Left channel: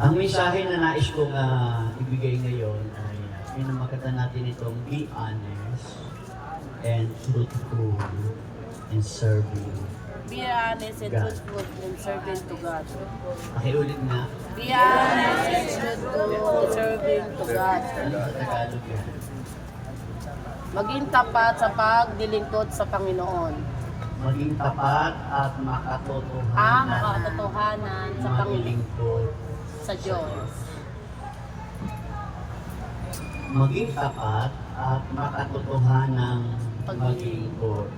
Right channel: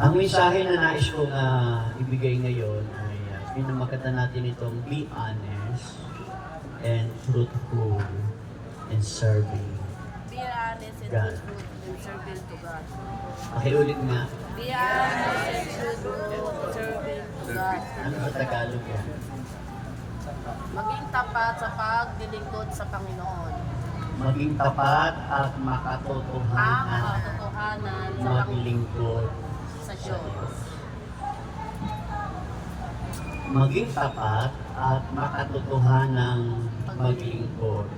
Ang mensahe na nais kong ibigay ngayon ay pinamagatan natin itong be honest and truthful in serving Be honest and God. truthful and serving to God. Pakiulit nga, Be honest and truthful and serving to God. ano sa Tagalog yan? Maging tapat sa pagdilingkod sa Panginoon. Maging tapat at makatotohanan Makatotohanan sa maglingkod sa Diyos. maging tapat at makatotohanang maglingkod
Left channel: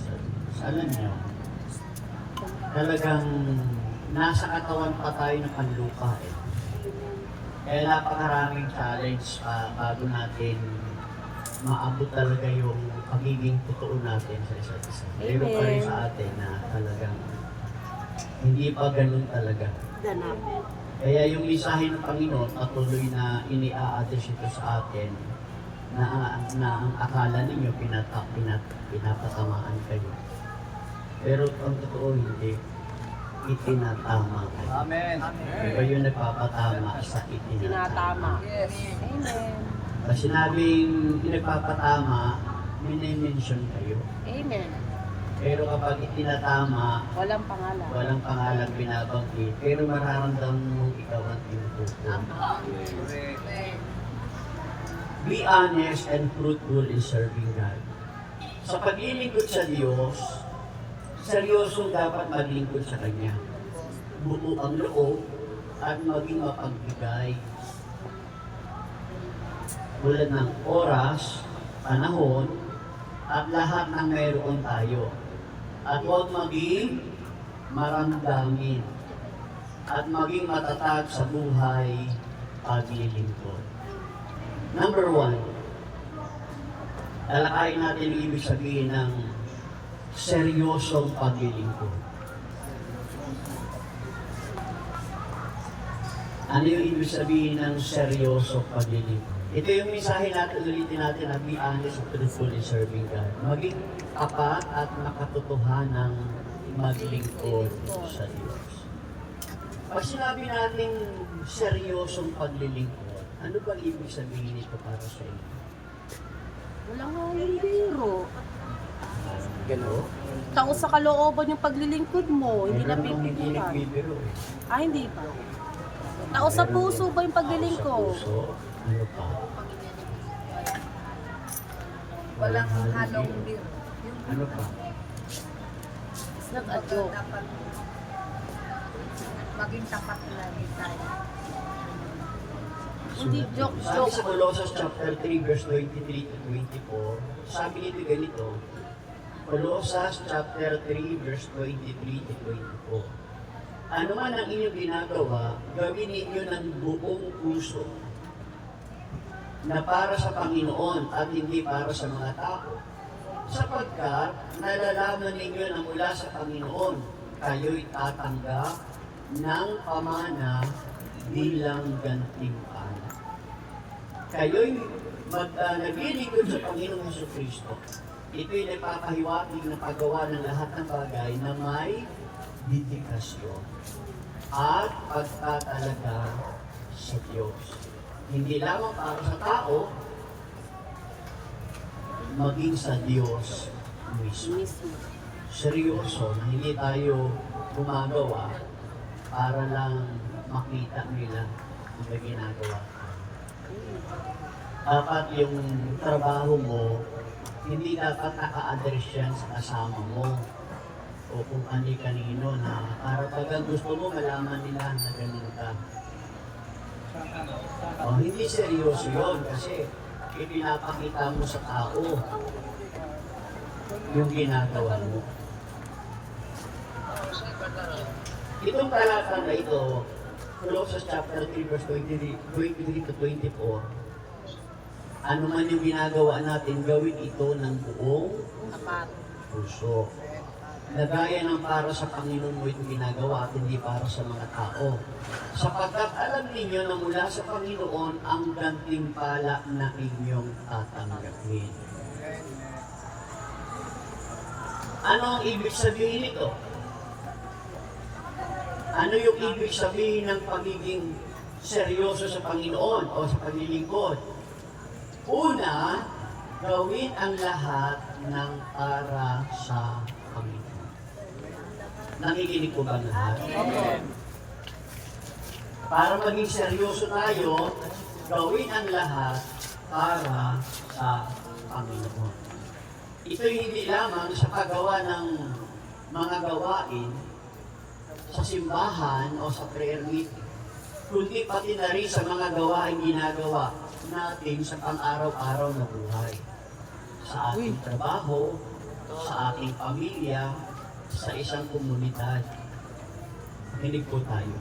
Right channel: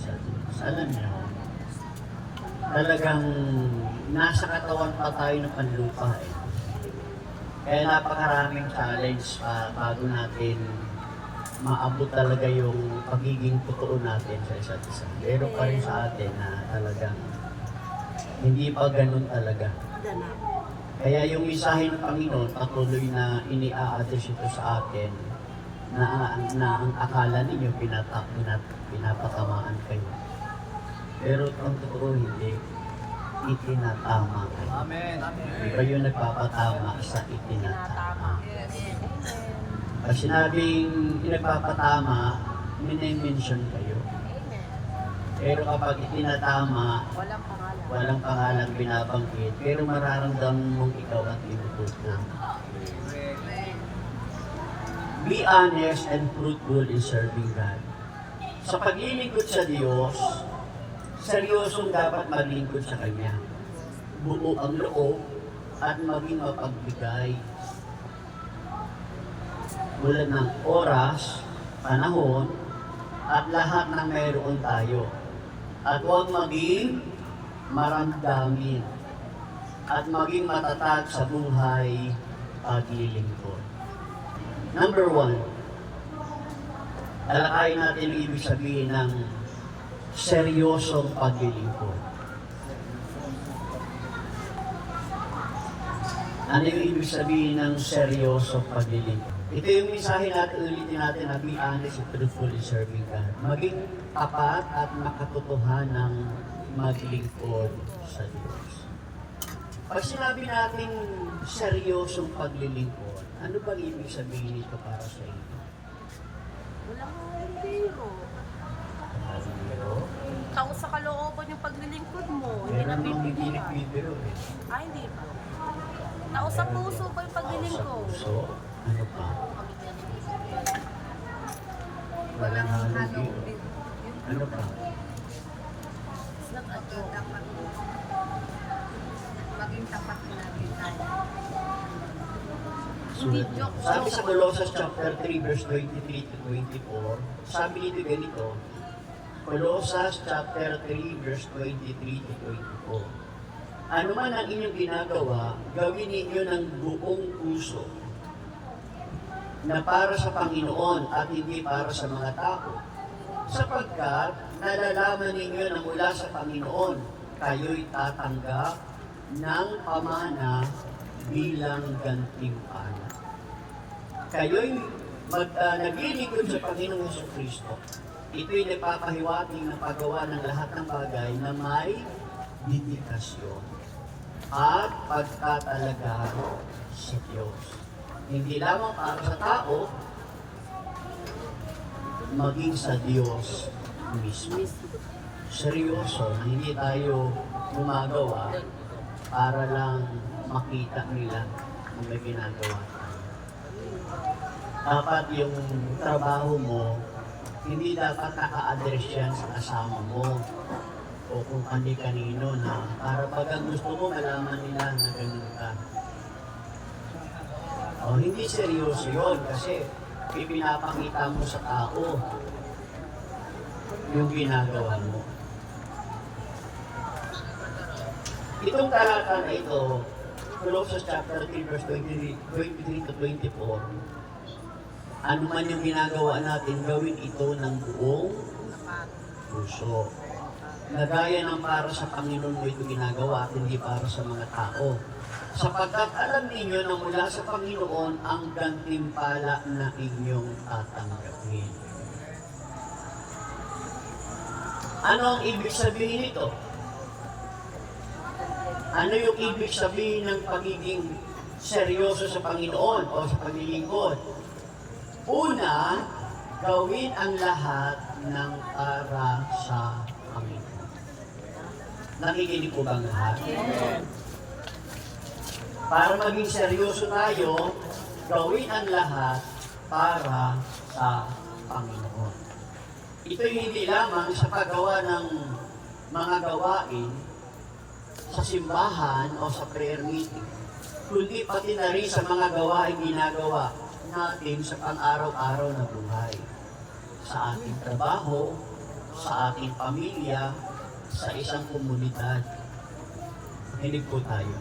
sa Diyos. Alam niyo, talagang nasa katawan pa tayo ng panlupa eh. Kaya napakaraming challenge pa bago natin maabot talaga yung pagiging totoo natin sa isa't isa. Pero pa rin sa atin na talagang hindi pa ganun talaga. Ganap. Kaya yung mensahe ng Panginoon patuloy na ini-a-address ito sa atin na ang akala ninyo pinapatamaan kayo. Pero ang totoo hindi, itinatama kayo. Amen. Hindi kayo nagpapatama sa itinatama. Yes. Amen. Pag sinabing pinagpapatama, minimension kayo. Amen. Pero kapag itinatama, Walang pangalan. walang pangalang binabanggit, pero mararamdaman mong ikaw ang tinutukoy. Be honest and fruitful in serving God. Sa paglilingkod sa Diyos, seryosong dapat maglingkod sa Kanya. Buo ang loob at maging mapagbigay. Tulad ng oras, panahon, at lahat ng mayroon tayo. At huwag maging maramdamin at maging matatag sa buhay paglilingkod. Number 1, talakayin natin ang ibig sabihin ng seryosong paglilingkod. Ano yung ibig sabihin ng seryosong paglilingkod? Ito yung mensahe natin, ulitin natin na be honest and truthful in serving God. Maging tapat at makatotohanang maglingkod sa Diyos. Pag sinabi natin seryosong paglilingkod, ano ba ibig sabihin ito para sa inyo? Walang biro. Pero, Tao sa kalooban yung paglilingkod mo. Hindi na meron namang hindi pipigilan. nagbibiro eh. Hindi pa. Tao sa puso ba yung Sa paglilingkod? puso, ano pa? Walang halong biro. Ano pa? It's not a joke. Maging tapat na rin tayo. Hindi Sulat joke. nito. Sabi sa Colossus chapter 3 verse 23 to 24, sabi nito ganito, Colossus chapter 3 verse 23 to 24. Ano man ang inyong ginagawa, gawin ninyo ng buong puso na para sa Panginoon at hindi para sa mga tao. Sapagkat nalalaman ninyo na mula sa Panginoon, kayo'y tatanggap ng pamana bilang gantimpala. Kayo'y naglilingkod sa Panginoong Jesucristo. Ito'y nagpapahiwatig na paggawa ng lahat ng bagay na may dedikasyon at pagtatalaga sa Diyos. Hindi lamang para sa tao, maging sa Diyos mismo. Seryoso na hindi tayo gumagawa para lang makita nila ang may ginagawa tayo. Dapat yung trabaho mo, hindi dapat naka-address yan sa kasama mo o kung kani-kanino na para pag ang gusto mo, malaman nila na ganun ka. O hindi seryoso yon kasi ipinapakita mo sa tao yung ginagawa mo. Itong talata na ito, Colossus chapter 3 verse 23 to 24, ano man yung ginagawa natin, gawin ito ng buong puso. Nagaya ng para sa Panginoon mo ito ginagawa at hindi para sa mga tao. Sapagkat alam ninyo na mula sa Panginoon ang gantimpala na inyong tatanggapin. Ano ang ibig sabihin nito? Ano yung ibig sabihin ng pagiging seryoso sa Panginoon o sa paglilingkod? Una, gawin ang lahat ng para sa Panginoon. Nakikinig po bang lahat? Para maging seryoso tayo, gawin ang lahat para sa Panginoon. Ito'y hindi lamang sa paggawa ng mga gawain sa simbahan o sa prayer meeting, kundi pati na rin sa mga gawain ginagawa natin sa pang-araw-araw na buhay. Sa ating trabaho, sa ating pamilya, sa isang komunidad. Makinig po tayo.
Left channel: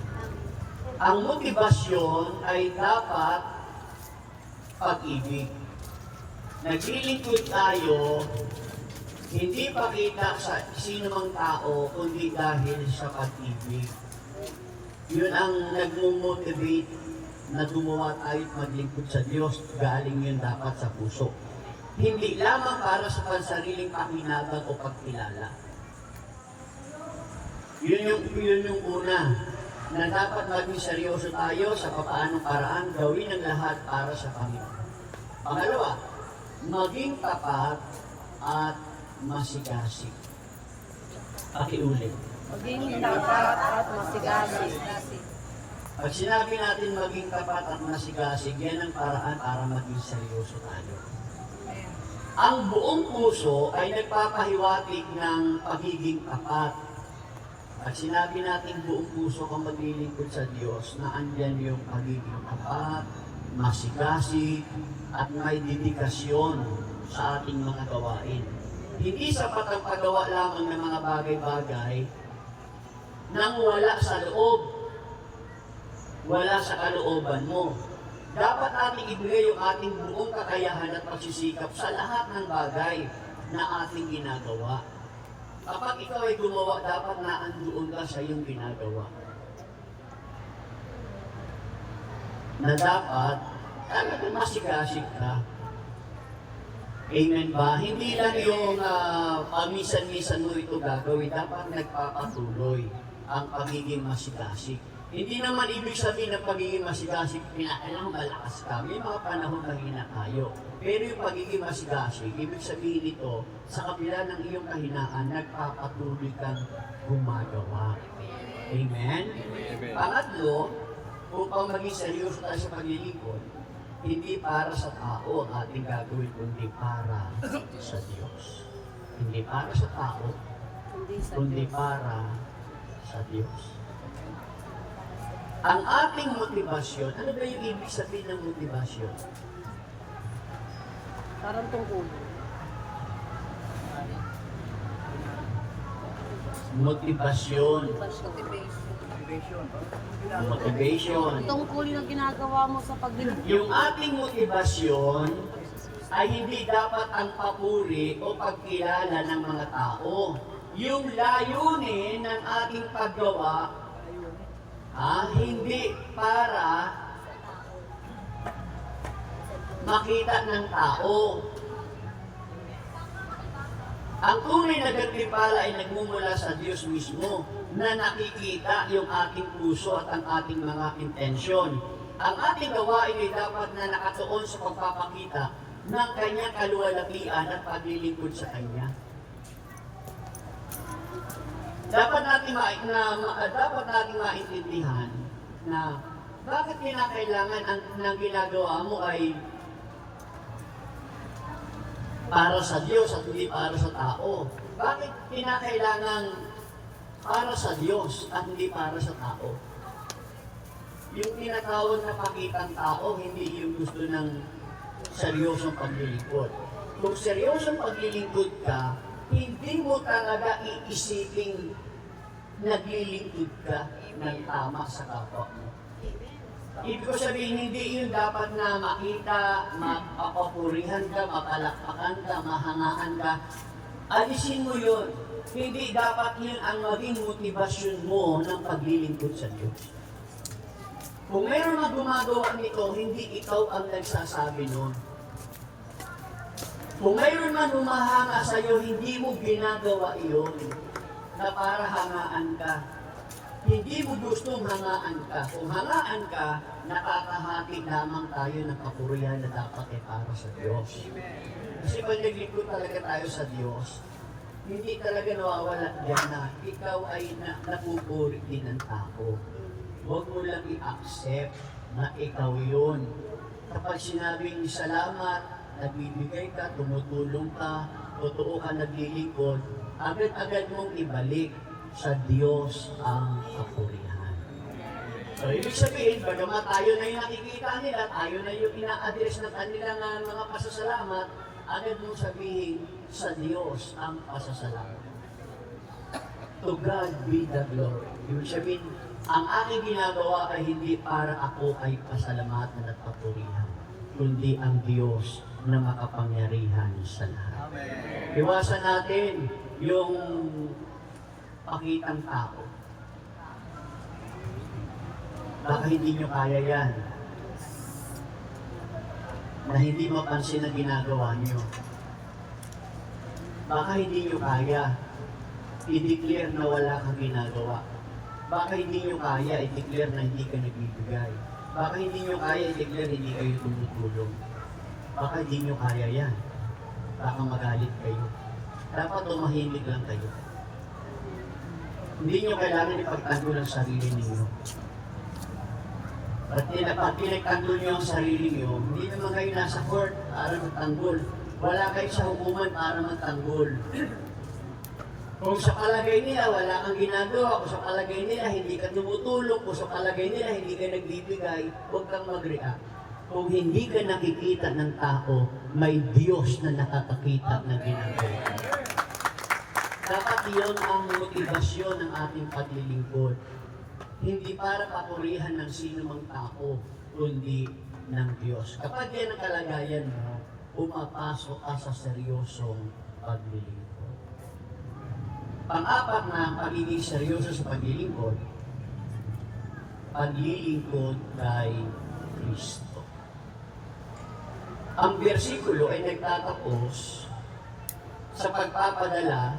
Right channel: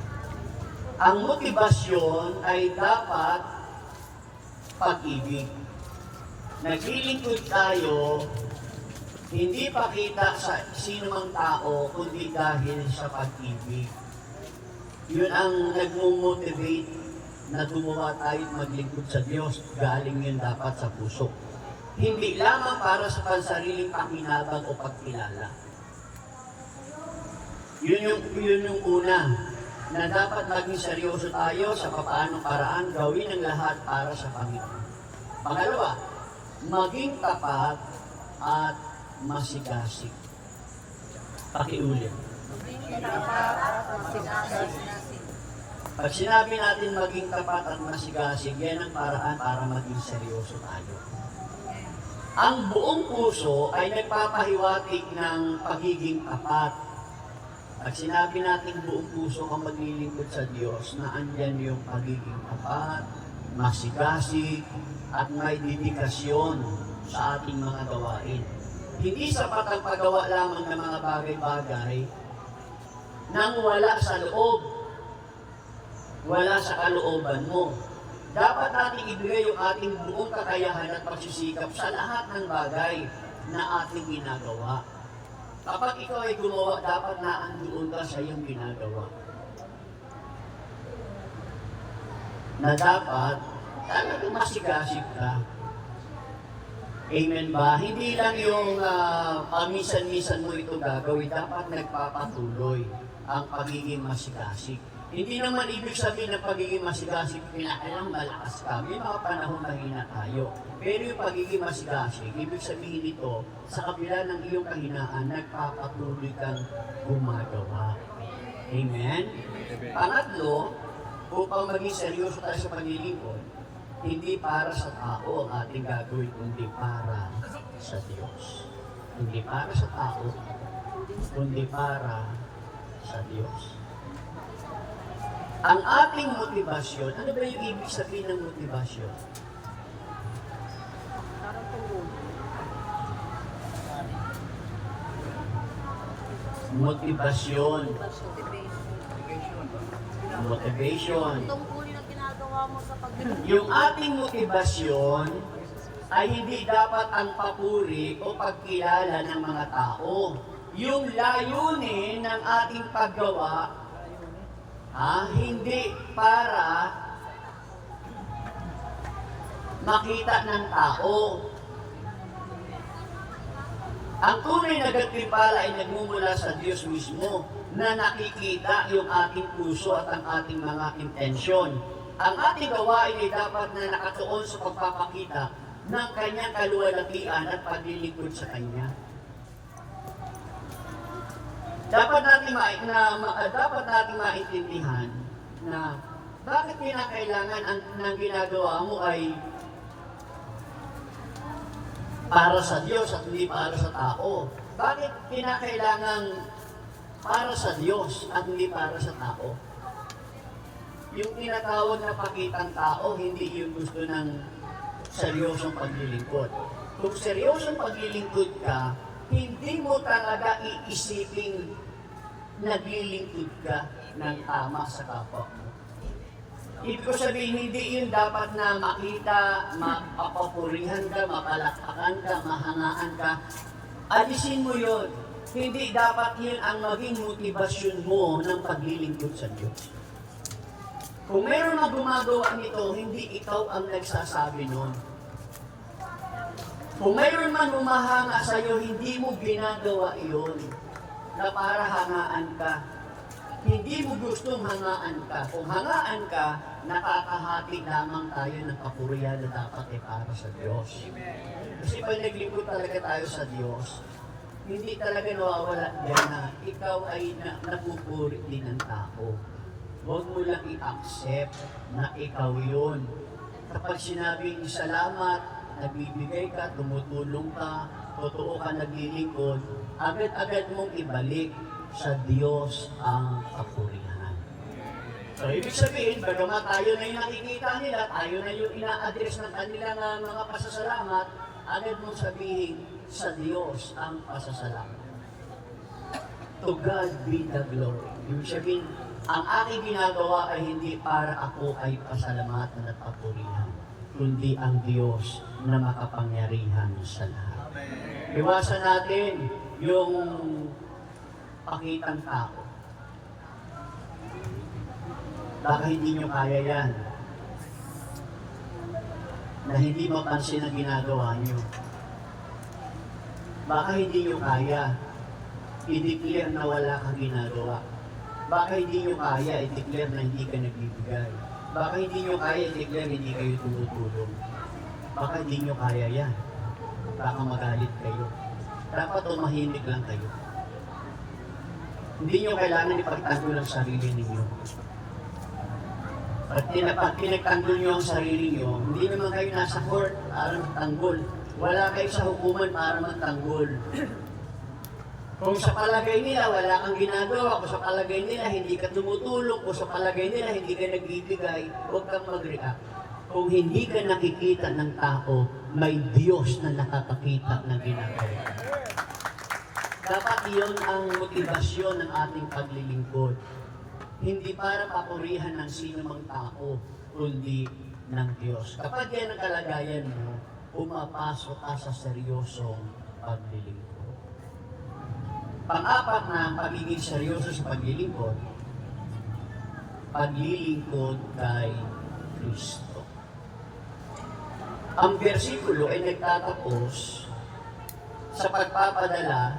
Ang motibasyon ay dapat pag-ibig. Naglilingkod tayo, hindi pakita sa sino mang tao, kundi dahil sa pag-ibig. Yun ang nagmumotivate na gumawa tayo at maglingkod sa Diyos. Galing yun dapat sa puso. Hindi lamang para sa pansariling pakinabang o pagkilala. Yun yung una, na dapat maging seryoso tayo sa papaanong paraan gawin ang lahat para sa Panginoon. Pangalawa, maging tapat at masigasig. Pakiulit. Maging tapat at masigasig. Pag sinabi natin maging tapat at masigasig, yan ang paraan para maging seryoso tayo. Ang buong puso ay nagpapahiwatig ng pagiging tapat. Pag sinabi natin buong puso kung maglilingkod sa Diyos, na andyan yung pagiging tapat, masigasig, at may dedikasyon sa ating mga gawain. Hindi sapat ang paggawa lamang ng mga bagay-bagay nang wala sa loob, wala sa kalooban mo. Dapat natin ibigay yung ating buong kakayahan at pagsisikap sa lahat ng bagay na ating ginagawa. Kapag ikaw ay gumawa, dapat naandoon ka sa iyong ginagawa. Na dapat, talagang masigasig ka. Amen ba? Hindi lang yung pamisan-misan mo ito gagawin, dapat nagpapatuloy ang pagiging masigasig. Hindi naman ibig sabihin ng pagiging masigasig, kailangan malakas ka. May mga panahon mahina tayo. Pero yung pagiging masigasig, ibig sabihin ito, sa kabila ng iyong kahinaan, nagpapatuloy kang gumagawa. Amen? Pangatlo, upang maging seryoso tayo sa paglilingkod, hindi para sa tao ang ating gagawin, kundi para sa Diyos. Hindi para sa tao, kundi para sa Diyos. Ang ating motibasyon, ano ba yung ibig sabihin ng motibasyon? Parang tungkol. Motivasyon. Motivation. Tungkulin ang ginagawa mo sa paglilingkod. Yung ating motibasyon ay hindi dapat ang papuri o pagkilala ng mga tao. Yung layunin ng ating paggawa, hindi para makita ng tao. Ang tunay na gantimpala ay nagmumula sa Diyos mismo, na nakikita yung ating puso at ang ating mga intensyon. Ang ating gawain ay dapat na nakatuon sa pagpapakita ng kanyang kaluwalhatian at paglilingkod sa kanya. Dapat nating maintindihan na bakit kinakailangan ang ginagawa mo ay para sa Diyos at hindi para sa tao. Bakit kinakailangan para sa Diyos at hindi para sa tao? Yung tinatawag na pakitang tao, hindi yung gusto ng seryosong paglilingkod. Kung seryosong paglilingkod ka, hindi mo talaga iisiping naglilingkod ka ng tama sa kapwa mo. Ibig ko sabihin, hindi yun dapat na makita, mapapurihan ka, mapalakpakan ka, mahangaan ka. Alisin mo yun. Hindi dapat yun ang maging motibasyon mo ng paglilingkod sa Diyos. Kung meron na gumagawa nito, hindi ikaw ang nagsasabi nun. Kung mayroon man humahanga sa iyo, hindi mo ginagawa iyon na para hangaan ka. Hindi mo gustong hangaan ka. Kung hangaan ka, nakakahati lamang tayo ng kapurihan na dapat ay para sa Diyos. Kasi pag naglingkod talaga tayo sa Diyos, hindi talaga nawawala dyan na ikaw ay napupuri din ng tao. Huwag mo lang i-accept na ikaw yun. Kapag sinabing salamat, nagbibigay ka, tumutulong ka, totoo ka naglilingkod, agad-agad mong ibalik sa Diyos ang kapurihan. So, ibig sabihin, bagamat tayo na yung nakikita nila, tayo na yung ina-address ng kanilang mga pasasalamat, agad mong sabihin, sa Diyos ang pasasalamat. To God be the glory. Ibig sabihin, ang aking ginagawa ay hindi para ako ay pasalamatan at papurihan, kundi ang Diyos na makapangyarihan sa lahat. Amen. Iwasan natin yung pakitang tao. Baka hindi nyo kaya yan. Na hindi mapansin ang ginagawa nyo. Baka hindi nyo kaya i-declare na wala kang ginagawa. Baka hindi nyo kaya i-declare na hindi ka nagbibigay. Baka hindi nyo kaya i-declare hindi kayo tumutulong. Baka hindi nyo kaya yan. Baka magalit kayo. Dapat tumahimik lang kayo. Hindi nyo kailangan ipagtanggol ang sarili ninyo. Pag pinagtanggol nyo ang sarili nyo, hindi naman kayo nasa court para magtanggol. Wala kayo sa hukuman para magtanggol. Kung sa palagay nila wala kang ginagawa, kung sa palagay nila hindi ka tumutulong, kung sa palagay nila hindi ka nagbibigay, huwag kang mag-react. Kung hindi ka nakikita ng tao, may Diyos na nakakakita ng ginagawa. Dapat iyon ang motibasyon ng ating paglilingkod. Hindi para papurihan ng sino mang tao, kundi ng Diyos. Kapag yan ang kalagayan mo, pumapasok ka sa seryosong paglilingkod. Pang-apat na pagiging seryoso sa paglilingkod kay Kristo. Ang bersikulo ay nagtatapos sa pagpapadala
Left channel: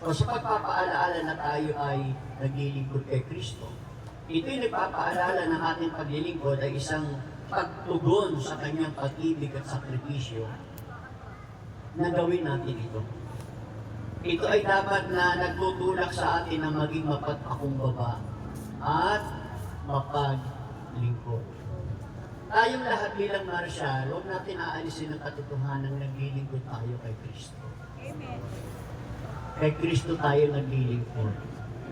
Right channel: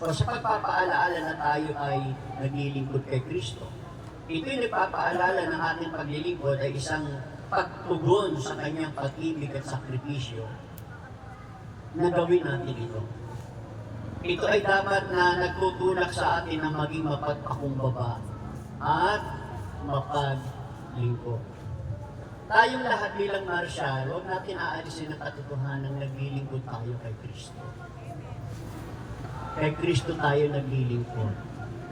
o sa pagpapaalaala na tayo ay naglilingkod kay Kristo. Ito'y nagpapaalala ng ating paglilingkod ay isang pagtugon sa kanyang pag-ibig at sakripisyo na gawin natin ito. Ito ay dapat na nagtutulak sa atin na maging mapagpakumbaba at mapaglingkod. Tayong lahat bilang marsyal, huwag natin aalisin ang katotohanan ng naglilingkod tayo kay Kristo. Kay Kristo tayo naglilingkod.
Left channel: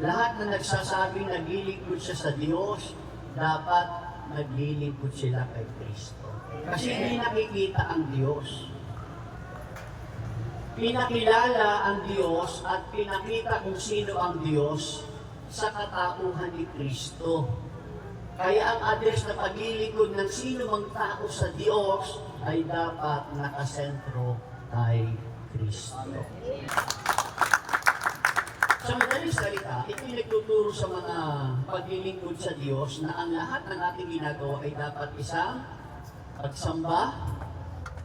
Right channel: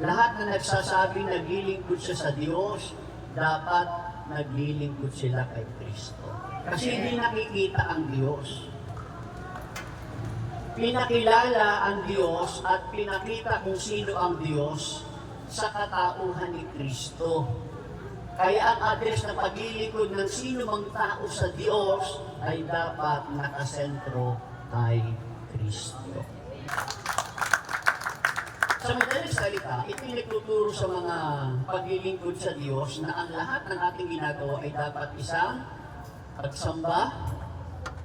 Lahat na nagsasabing naglilingkod siya sa Diyos, dapat naglilingkod sila kay Kristo. Kasi hindi nakikita ang Diyos. Pinakilala ang Diyos at pinakita kung sino ang Diyos sa katauhan ni Kristo. Kaya ang address na paglilingkod ng sino mang tao sa Diyos ay dapat nakasentro kay Kristo. Sa madaling salita, ito'y nagtuturo sa mga paglilingkod sa Diyos na ang lahat ng ating ginagawa ay dapat isang pagsamba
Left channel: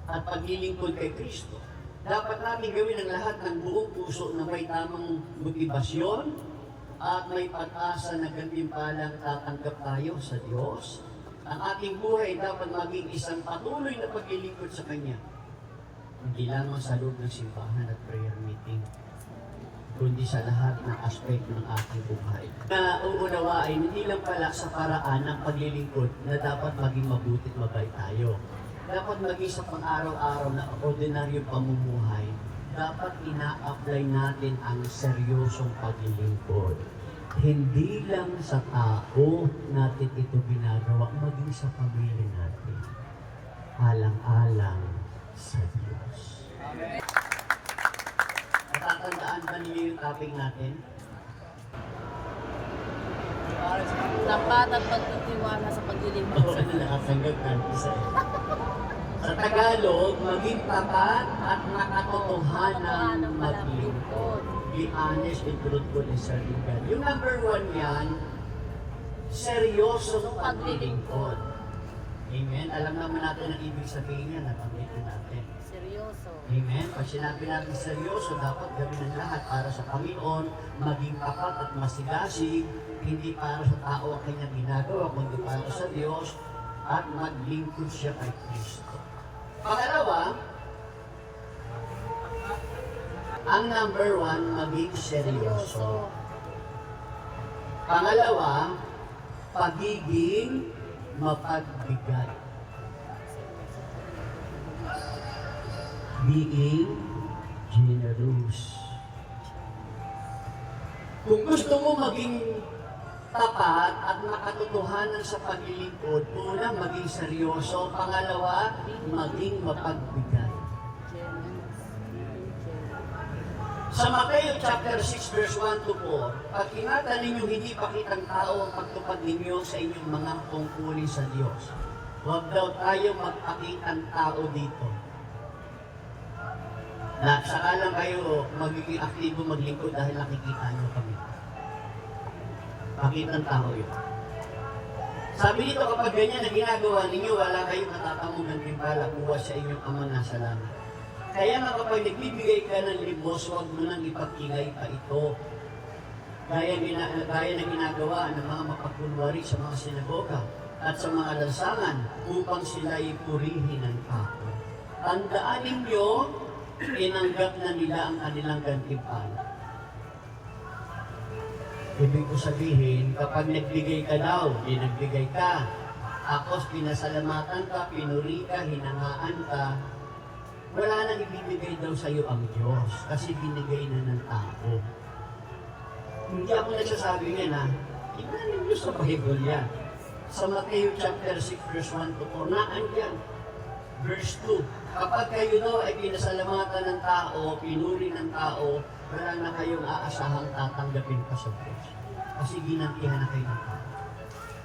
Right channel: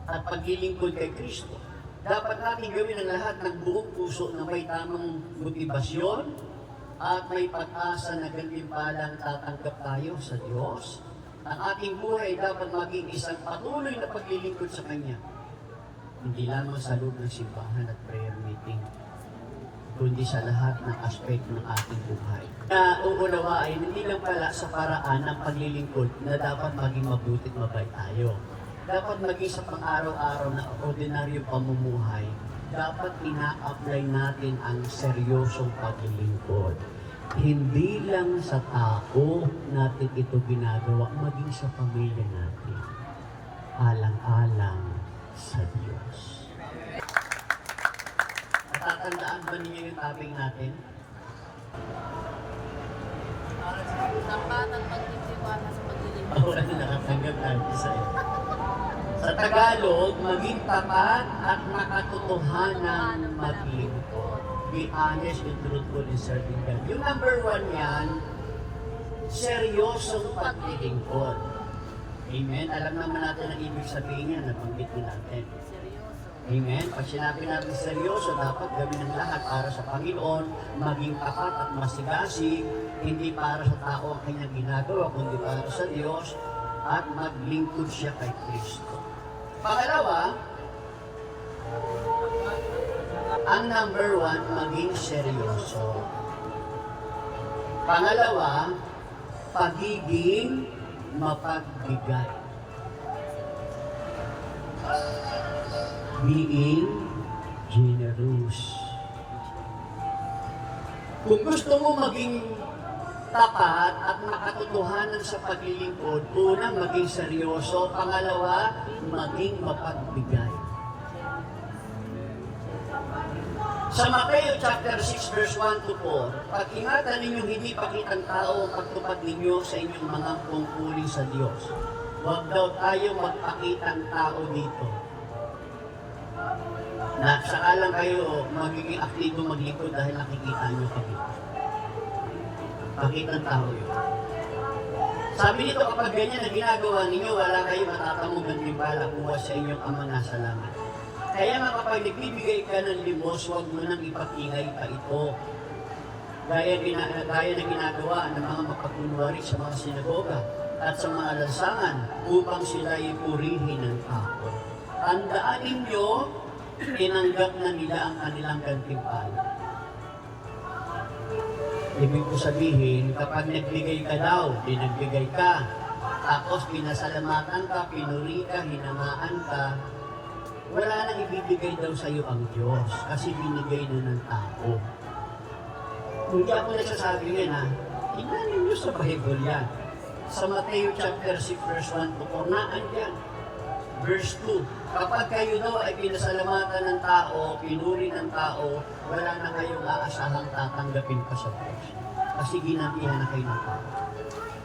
at paglilingkod kay Kristo. Dapat natin gawin ang lahat ng buong puso na may tamang motibasyon at may pag-asa na gantimpalang tatanggap tayo sa Diyos. Ang ating buhay dapat maging isang patuloy na paglilingkod sa Kanya. Hindi lamang sa loob ng simbahan at prayer meeting, kundi sa lahat ng aspekto ng ating buhay. Na uunawain, hindi lang pala sa paraan ng paglilingkod na dapat maging mabuti't mabait tayo. Dapat maging sa pang-araw-araw na ordinaryong pamumuhay, dapat ina-apply natin ang seryosong paglilingkod. Hindi lang sa tao natin ito ginagawa, maging sa pamilya natin. Alang-alang sa Diyos. Natatandaan ba ninyo yung topic natin? Tapat at pagtitiwala sa paglilingkod. Oo, nakatanggap natin sa Sa Tagalog, maging tapat at nakatotohanan maglingkod. Be honest and truthful in serving God. Yung number 1 yan, seryosong paglilingkod. Amen? Alam naman natin ang ibig sabihin yan, nabanggit na natin. Seryoso. Amen? Pag sinabi natin seryoso, dapat gawin ang lahat para sa Panginoon, maging tapat at masigasig, hindi para sa tao ang kanyang ginagawa, kundi para sa Diyos, at maglingkod siya kay Kristo. Pangalawa, ang number 1, maging seryoso. Pangalawa, pagiging mapagbigay. Being generous. Kung gusto mo maging tapat at makatotohanan sa paglilingkod, una, maging seryoso. Pangalawa, maging mapagbigay. Sa Mateo chapter 6 verse 1 to 4, pag-ingatan ninyo hindi pakitang tao ang pagtupad ninyo sa inyong mga tungkulin sa Diyos. Huwag daw tayo magpakitang tao dito. Na saka lang kayo magiging aktibo maglingkod dahil nakikita nyo kami. Pakitang tao yun. Sabi nito, kapag ganyan na ginagawa ninyo, wala kayo matatamong gantimpala buwas sa inyong Ama nasa langit. Kaya nga kapag nagbibigay ka ng limos, huwag mo nang ipag-ingay pa ito. Gaya na ginagawa ng mga mapagkunwari sa mga sinagoga at sa mga lansangan upang sila ipurihin ng tao. Tandaan ninyo, tinanggap na nila ang kanilang gantimpala. Ibig ko sabihin, kapag nagbigay ka daw, nagbigay ka, tapos pinasalamatan ka, pinuri ka, hinangaan ka, wala nang ibibigay daw sa iyo ang Diyos kasi binigay na ng tao. Hindi ako nagsasabi niyan ha. Tingnan ninyo sa Bible yan. Sa Mateo chapter 6 verse 1 to 4, naandyan. Verse 2, kapag kayo daw ay pinasalamatan ng tao, pinuri ng tao, wala na kayong aasahang tatanggapin pa sa Diyos. Kasi ginantihan na kayo ng tao.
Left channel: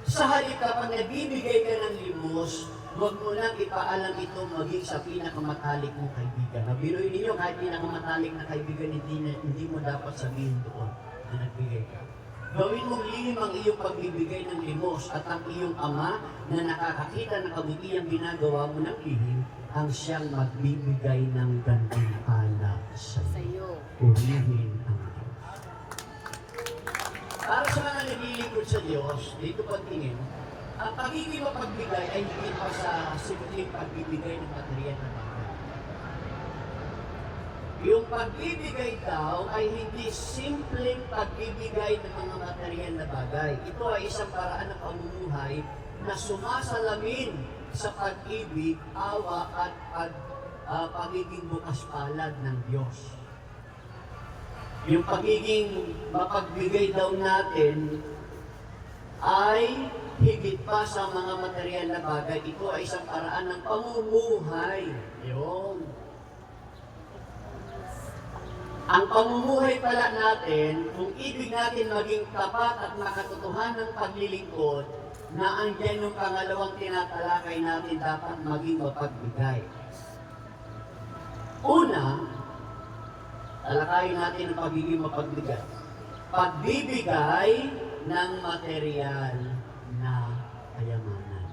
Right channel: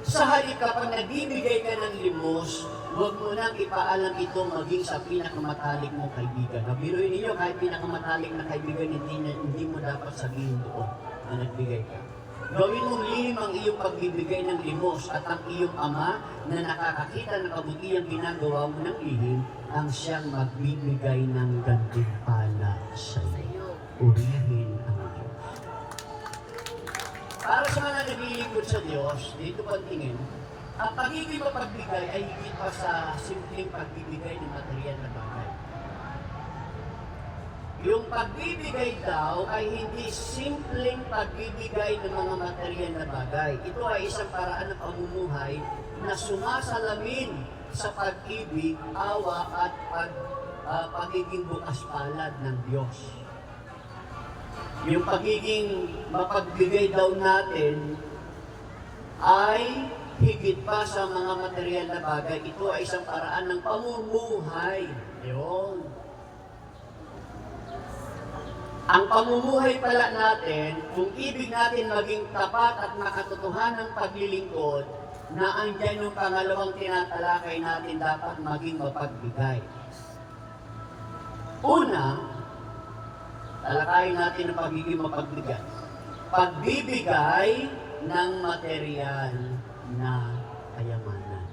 Sa halip kapag nagbibigay ka ng limos, huwag mo nang ipaalam ito maging sa pinakamatalik mong kaibigan. Biruin ninyo, kahit pinakamatalik na kaibigan, hindi mo dapat sabihin doon na nagbigay ka. Gawin mong lihim ang iyong pagbibigay ng limos at ang iyong ama na nakakakita ng kabutihang ginagawa mo ng lihim ang siyang magbibigay ng gantimpala sa iyo. Urihin ang Diyos. Para sa mga naglilingkod sa Diyos, dito po ang tingin, ang pagiging mapagbigay ay hindi pa sa simpleng pagbibigay ng material na bagay. Yung pagbibigay daw ay hindi simpleng pagbibigay ng mga material na bagay. Ito ay isang paraan ng pamumuhay na sumasalamin sa pag-ibig, awa at pagiging bukas palad ng Diyos. Yung pagiging mapagbigay daw natin ay higit pa sa mga material na bagay. Ito ay isang paraan ng pamumuhay. Yun. Ang pamumuhay pala natin, kung ibig natin maging tapat at makatotohanan ng paglilingkod, na andyan yung pangalawang tinatalakay natin dapat maging mapagbigay. Una, talakayin natin ang pagiging mapagbigay. Pagbibigay ng material na kayamanan.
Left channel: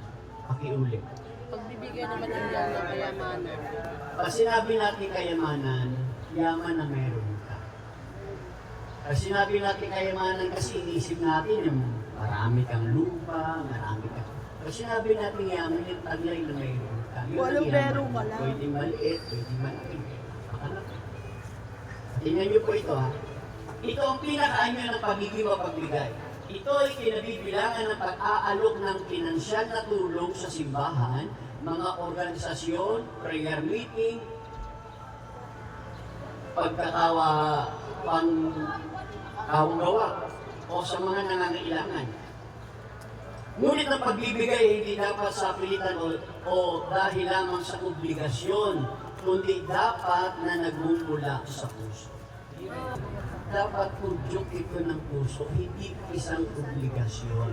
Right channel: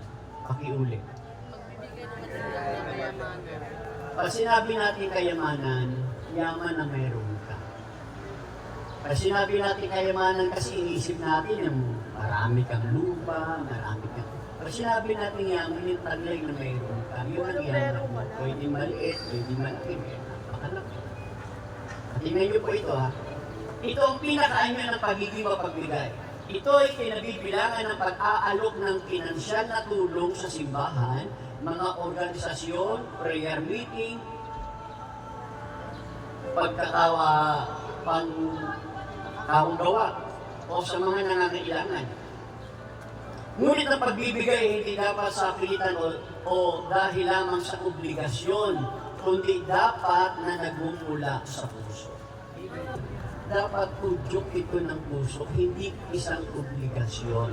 Pakiulit. Pagbibigay ng material na kayamanan. Pag sinabi natin kayamanan, yaman na mayroon ka. Pag sinabi natin kayamanan kasi iniisip natin yung marami kang lupa, marami kang... Pag sinabi natin yaman, yung taglay na mayroon ka, yun ang yaman mo. Pwede maliit, pwede malaki, napakalaki. At tingnan niyo po ito ha. Ito ang pinakaanyo ng pagiging mapagbigay. Ito ay kinabibilangan ng pag-aalok ng pinansyal na tulong sa simbahan, mga organisasyon, prayer meeting, panggawa o sa mga nangangailangan. Ngunit ang pagbibigay hindi dapat sa pilitan o dahil lamang sa obligasyon, kundi dapat na nagmumula sa puso. Dapat udyok ito ng puso, hindi isang obligasyon.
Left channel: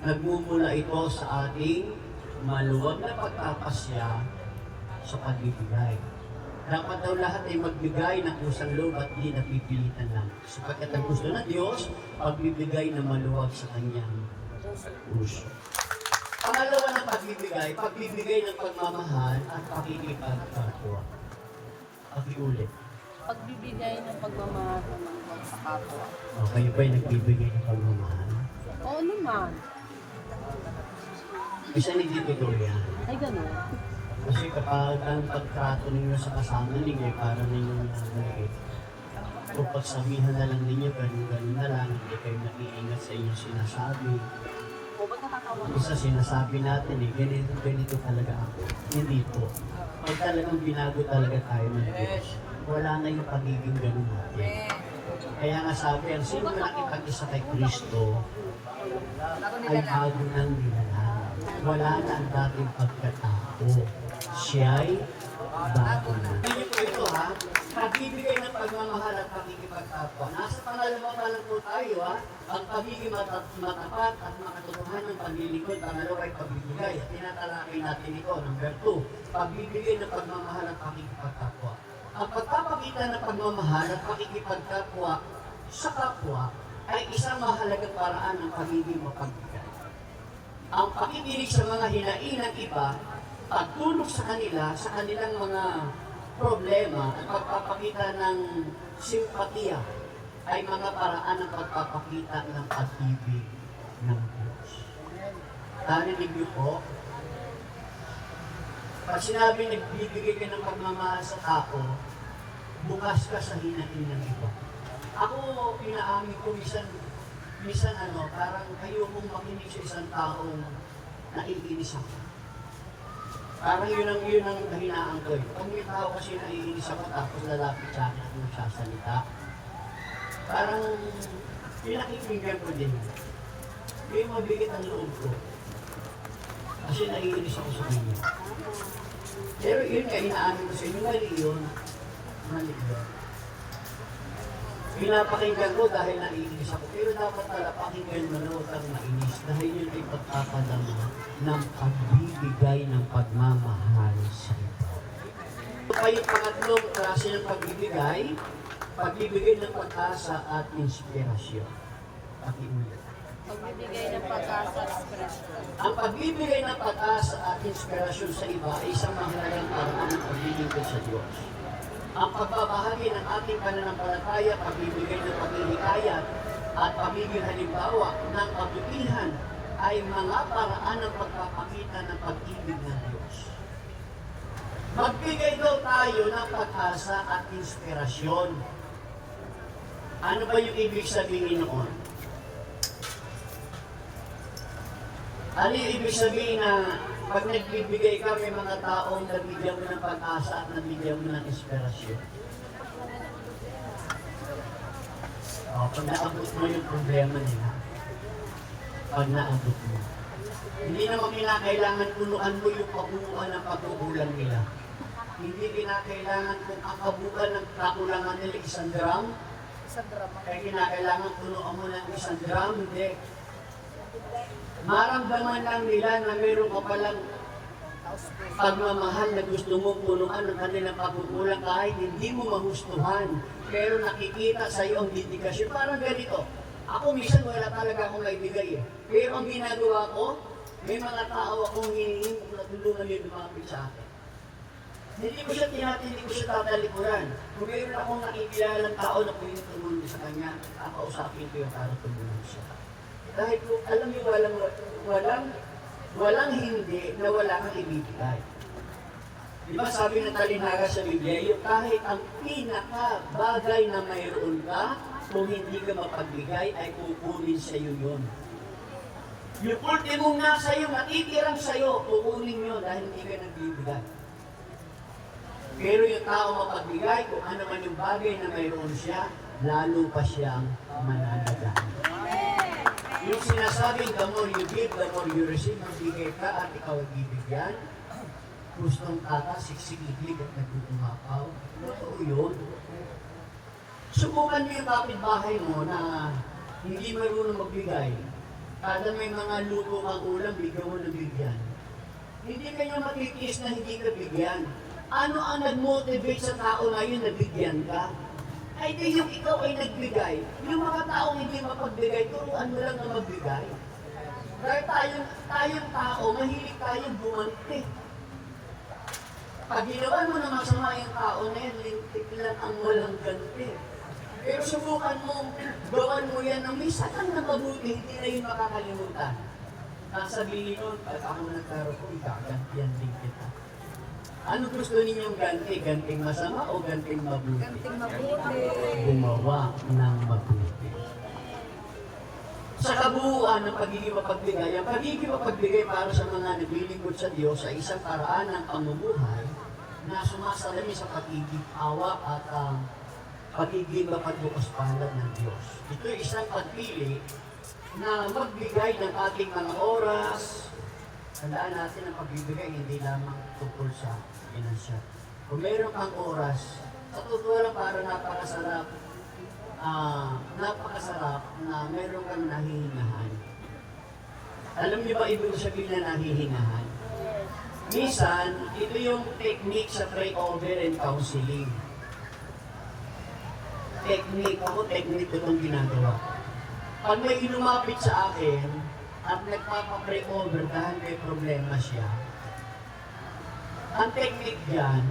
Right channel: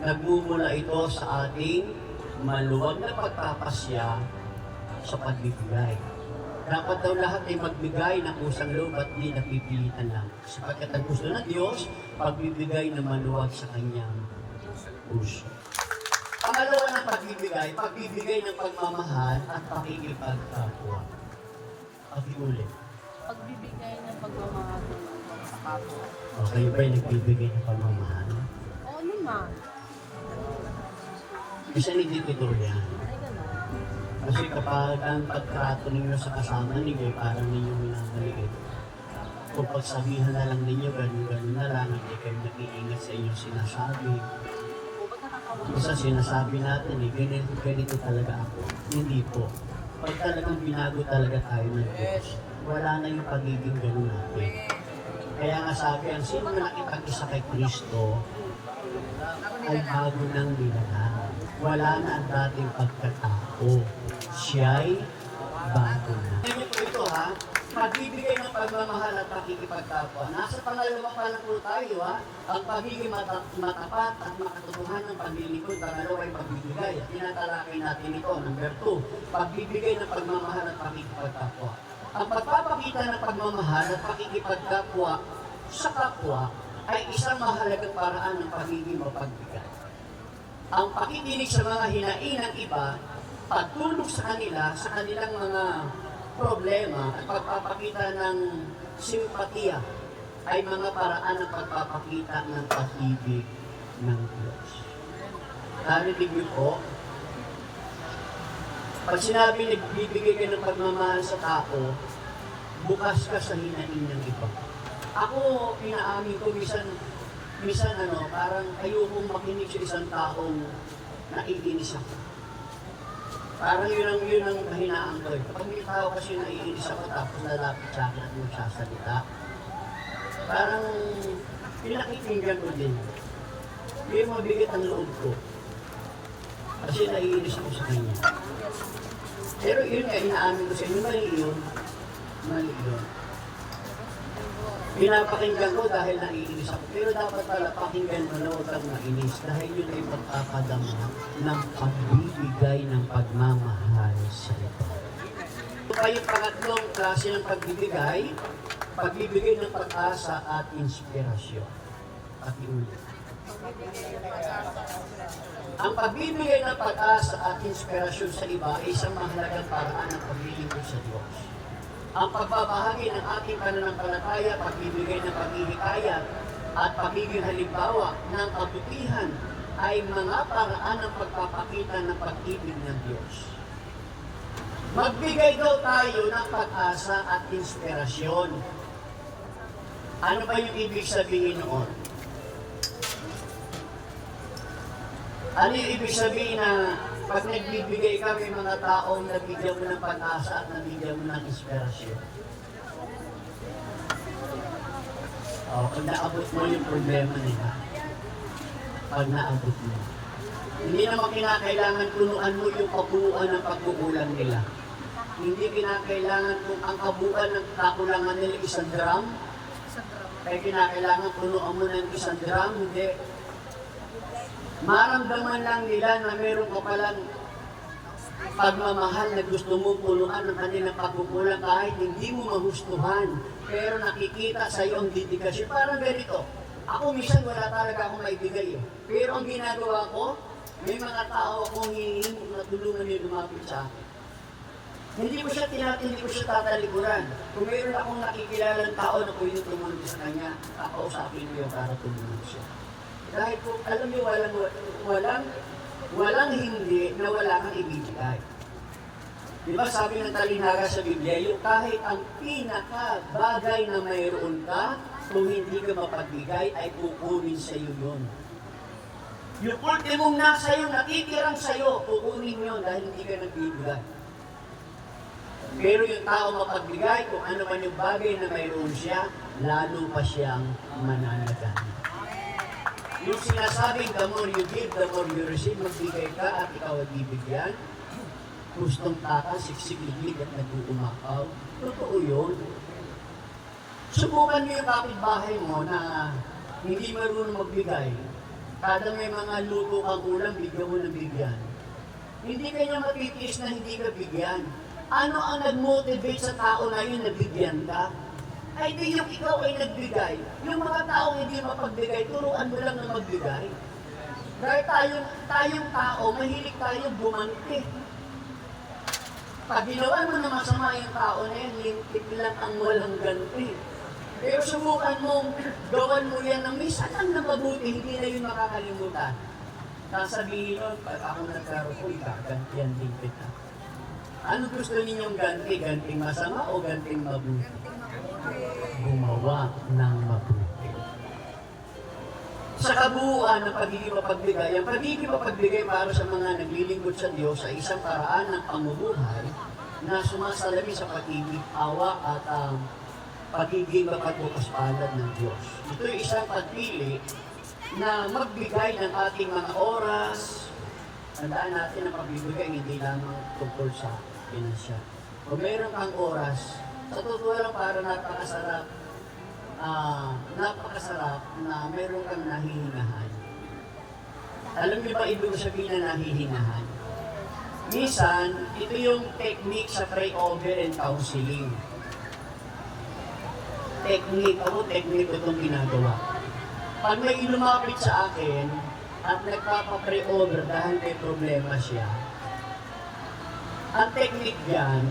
Nagmumula ito sa ating maluwag na pagpapasya sa pagbibigay. Dapat daw lahat ay magbigay ng kusang loob at di napipilitan lang. Sapagkat ang gusto ng Diyos, pagbibigay na maluwag sa kanyang puso. Pangalawa ng pagbibigay ng pagmamahal at pakikipagkapwa. Pakiulit. Pagbibigay ng pagmamahal sa kapwa. O, kayo ba'y nagbibigay ng pagmamahal? Oo naman. Isa hindi totoo yan. Ay, gano'n. Kasi kapag ang pagtrato ninyo sa kasama ninyo ay parang ninyo minamaliit, kung pagsabihan na lang ninyo, ganun-ganun na lang, hindi kayo nag-iingat sa inyong sinasabi. Isa sinasabi natin ganito talaga ako. Hindi po. Pag talagang binago talaga tayo ng Diyos, wala na yung pagiging ganun natin. Kaya nga sabi, ang sino man nakipag-isa kay Kristo, ay bago ng nilalang. Wala na ang dating pagkatao. Siya'y bago na. Ganyan po ito ha, pagbibigay ng pagmamahal at pakikipagkapwa. Nasa pangalawa pa lang po tayo ha, ang pagiging matapat at makatotohanan ng paglilingkod. Pangalawa ay pagbibigay. At tinatalakay natin ito, number 2, pagbibigay ng pagmamahal at pakikipagkapwa. Ang pagpapakita ng pagmamahal at pakikipagkapwa sa kapwa ay isang mahalagang paraan ng pagiging mapagbigay. Ang pakikinig sa mga hinaing ng iba, pagtulong sa kanila sa kanilang mga problema at pagpapakita ng simpatiya ay mga paraan ng pagpapakita ng pag-ibig ng Diyos. Narinig niyo po, pag sinabi nagbibigay ka ng pagmamahal sa tao, bukas ka sa hinaing ng iba. Ako, inaamin ko, minsan parang ayokong makinig sa isang taong naiinis ako. Parang yun ang kahinaan ko eh. Kapag may tao kasi naiinis ako tapos lalapit sa akin at magsasalita, parang pinakikinggan ko din. Yung mabigat ang loob ko. Kasi naiinis ako sa kanya. Pero yun nga, inaamin ko sa inyo, mali yun. Mali yun. Pinapakinggan ko dahil naiinis ako. Pero dapat pala pakinggan mo na huwag kang mainis dahil yun ay pagpapadama ng pagbibigay ng pagmamahal sa iba. Ito pa yung pangatlong klase ng pagbibigay ng pag-asa at inspirasyon. Pakiulit. Ang pagbibigay ng pag-asa at inspirasyon sa iba ay isang mahalagang paraan ng paglilingkod sa Diyos. Ang pagbabahagi ng ating pananampalataya, pagbibigay ng paghihikayat at pagiging halimbawa ng kabutihan ay mga paraan ng pagpapakita ng pag-ibig ng Diyos. Magbigay daw tayo ng pag-asa at inspirasyon. Ano ba yung ibig sabihin noon? Ano yung ibig sabihin na pag nagbibigay ka, may mga taong nabigyan mo ng pag-asa at nabigyan mo ng inspirasyon? Pag naabot mo yung problema nila, pag naabot mo, hindi naman kinakailangan punuan mo yung kabuuan ng pagkukulang nila. Hindi kinakailangan kung ang kabuuan ng kakulangan nila 1 drum, kaya kinakailangan punuan mo ng 1 drum, hindi. Maramdaman lang nila na meron ka palang pagmamahal na gusto mong punuan ng kanilang pagkukulang kahit hindi mo mahustuhan. Pero nakikita sa iyo ang dedikasyon. Parang ganito. Ako minsan wala talaga akong maibigay eh. Pero ang ginagawa ko, may mga tao akong hinihingi na tulungan niyo lumapit sa akin. Hindi ko siya hindi ko siya tatalikuran. Kung mayroon akong nakikilalang tao na pwede tumulong sa kanya, kakausapin ko yun para tulungan siya. Dahil po, alam niyo, walang hindi na wala kang ibibigay. Di ba sabi ng talinhaga sa Biblia, yung kahit ang pinaka-bagay na mayroon ka, kung hindi ka mapagbigay, ay kukunin sa iyo yun. Yung ultimong nasa iyo, natitirang sa iyo, kukunin yun dahil hindi ka nagbibigay. Pero yung tao mapagbigay, kung ano man yung bagay na mayroon siya, lalo pa siyang mananagan. Yung sinasabing, the more you give, the more you receive, magbigay ka at ikaw ay bibigyan. Gustong tata, siksik-liglig at nag-uumapaw. Totoo yun. Subukan mo yung kapitbahay mo na hindi marunong magbigay. Kada may mga luto kang ulam, bigyan mo ng bigyan. Hindi kanya matitiis na hindi ka bigyan. Ano ang nag-motivate sa tao na yun na bigyan ka? Ay di yung ikaw ay nagbigay. Yung mga taong hindi mapagbigay, turuan mo lang na magbigay. Dahil tayong tao, mahilig tayong bumante. Pag ginawa mo na masama yung tao na yan, lintik lang ang walang ganti. Pero subukan mong gawan mo yan ng may satang na mabuti, hindi na yun makakalimutan. Sasabihin nun, pag ako nagkaroon ko, gagantihan din kita. Ano gusto ninyong ganti? Ganting masama o ganting mabuti? Gumawa ng mabuti. Sa kabuuan ng pagiging mapagbigay, ang pagiging mapagbigay para sa mga naglilingkod sa Diyos ay isang paraan ng pamumuhay na sumasalamin sa pagiging awa at ang pagiging mapagbukas palad ng Diyos. Ito ay isang pagpili na magbigay ng ating mga oras. Tandaan natin ang pagbibigay hindi lamang tungkol sa pinansyal. Kung mayroon kang oras, sa totoo lang para napakasarap na mayroon kang nahihingahan. Alam niyo ba ibig sabihin na nahihingahan? Minsan, ito yung technique sa pray-over and counseling. Technique ko itong ginagawa. Pag may lumapit sa akin at nagpapa-pray over dahil may problema siya, ang technique diyan,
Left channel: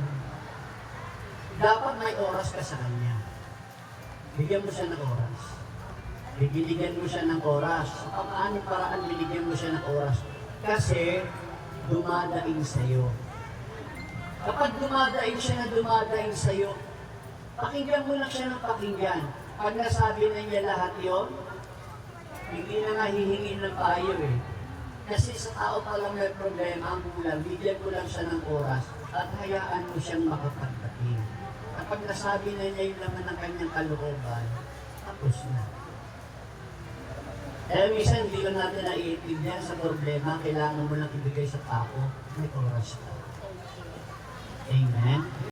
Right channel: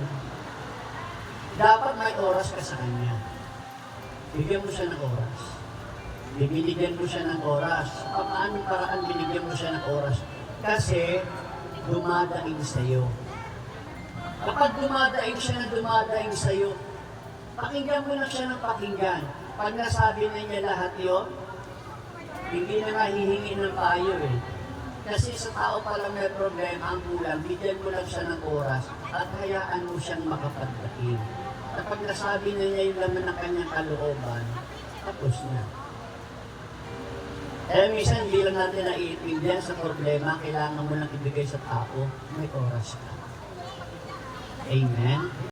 dapat may oras ka sa kanya. Bigyan mo siya ng oras. Bibigyan mo siya ng oras. Sa paanong paraan binigyan mo siya ng oras? Kasi dumadaing sa'yo. Kapag dumadaing siya na dumadaing sa'yo, pakinggan mo lang siya ng pakinggan. Pag nasabi na niya lahat yon, hindi na nga hihingi ng payo eh. Kasi sa tao palang may problema, ang kulang, bigyan mo lang siya ng oras at hayaan mo siyang makapagdating. Kapag nasabi na niya yung laman ng kanyang kalooban, tapos na. Kaya minsan hindi lang natin naiintindihan sa problema, kailangan mo lang ibigay sa tao, may oras ka. Amen?